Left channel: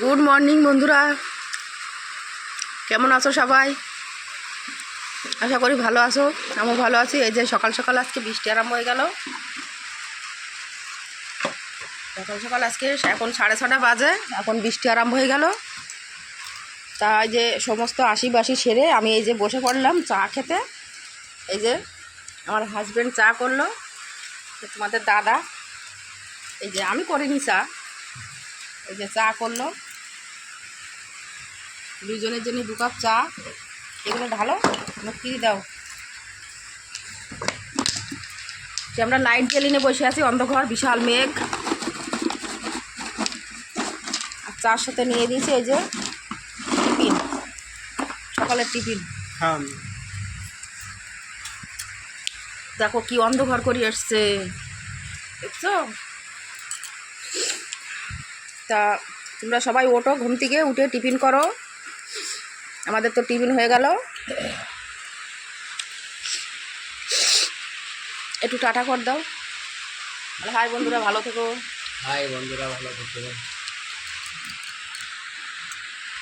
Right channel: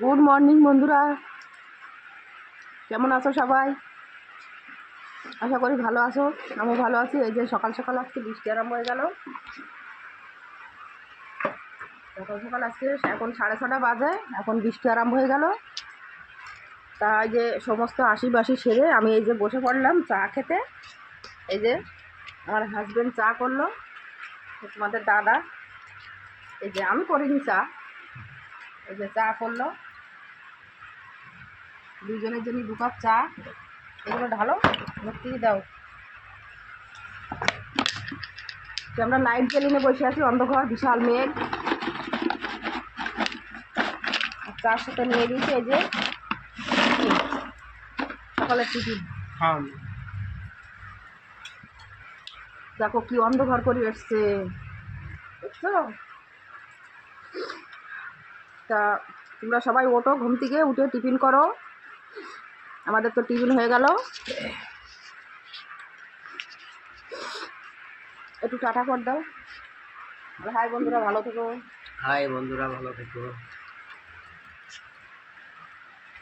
Good morning বন্ধুরা, কেমন আছো সবাই? আশা করি ভালো আছো, আমিও ভালো আছি। এই যে সকাল সকাল আজকে বৃষ্টি আরম্ভ হয়ে গেল। সকাল সকাল আজকে এখন 6:30 বাজে, এখন বৃষ্টি আরম্ভ হয়ে গেল। তাই যে সমস্ত আশিবাসি সেরে আমি এই যে বসে পড়লাম চা খেতে। এই যে আমার হাজব্যান্ড চা করলো, তোমাদের দাদা এই যে আমি করিনি চা, এই যে চা করলো দুজনের জন্য 2 কাপ চা। এগুলো ঢালো, মুক্তি দাও। যে আমরা লাইট জ্বালিয়ে বসে আছি, অন্ধকার, বিশাল মেঘ। আর চার সাথে নিয়ে দিয়েছি এই যে টিফিন, সকালের টিফিন। দেখো কি অন্ধকার করে এসছে, দেখছো? তা তোমরা সবাই ওঠো, ঘুম থেকে উঠে টিফিন করো। আমাদের তো টিফিন হয়ে গেল। একটু টাটা কর দাও। হাই বন্ধুরা, ভালো থেকো। হাই বন্ধুরা, ভালো থেকো।